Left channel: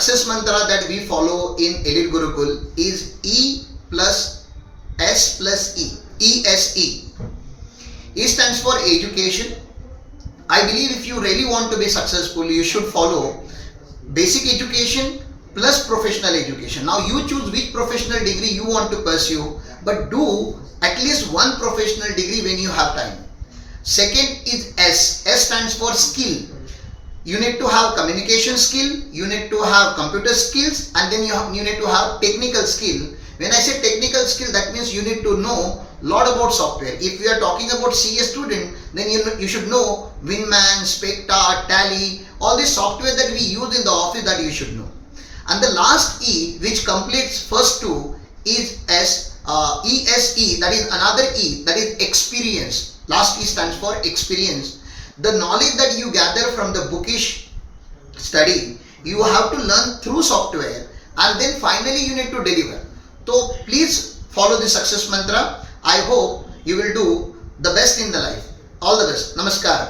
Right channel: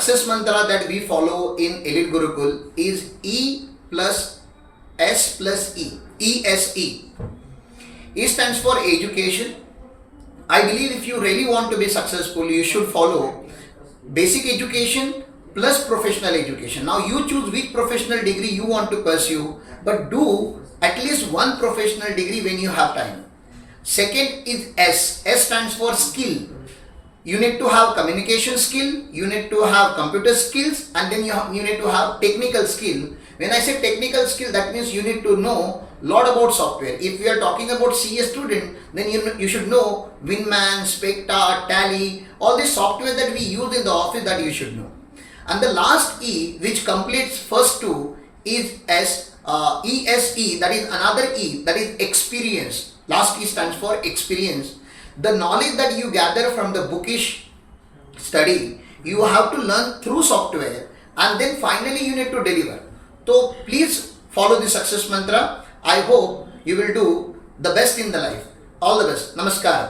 success mantra that we follow in Elite Gurukul is E plus S plus E. ESE. E stands for education. I believe if you really want to be successful, you should follow basic education plus professional education. Now you choose which professional degree you want to pursue, but do at least one professional degree when you have time. Second is S. S stands for skill. You need to have communication skill, you need to have computer skills, and then you need to have technical skill. When I say technical skill, that means you need to know lot about software. If we are talking about CA student, then you should know Winman, Spectre, Tally, all this software that we use in the office, that you should know. And the last E, which completes first two, is ESE, that is another E, that is experience. Last E stands for experience. The knowledge that you gather from the bookish study, you have to learn through software, and then finally you need to deliver. So please follow the success mantra. I hope you will do the best in the life. All the best. Namaskar.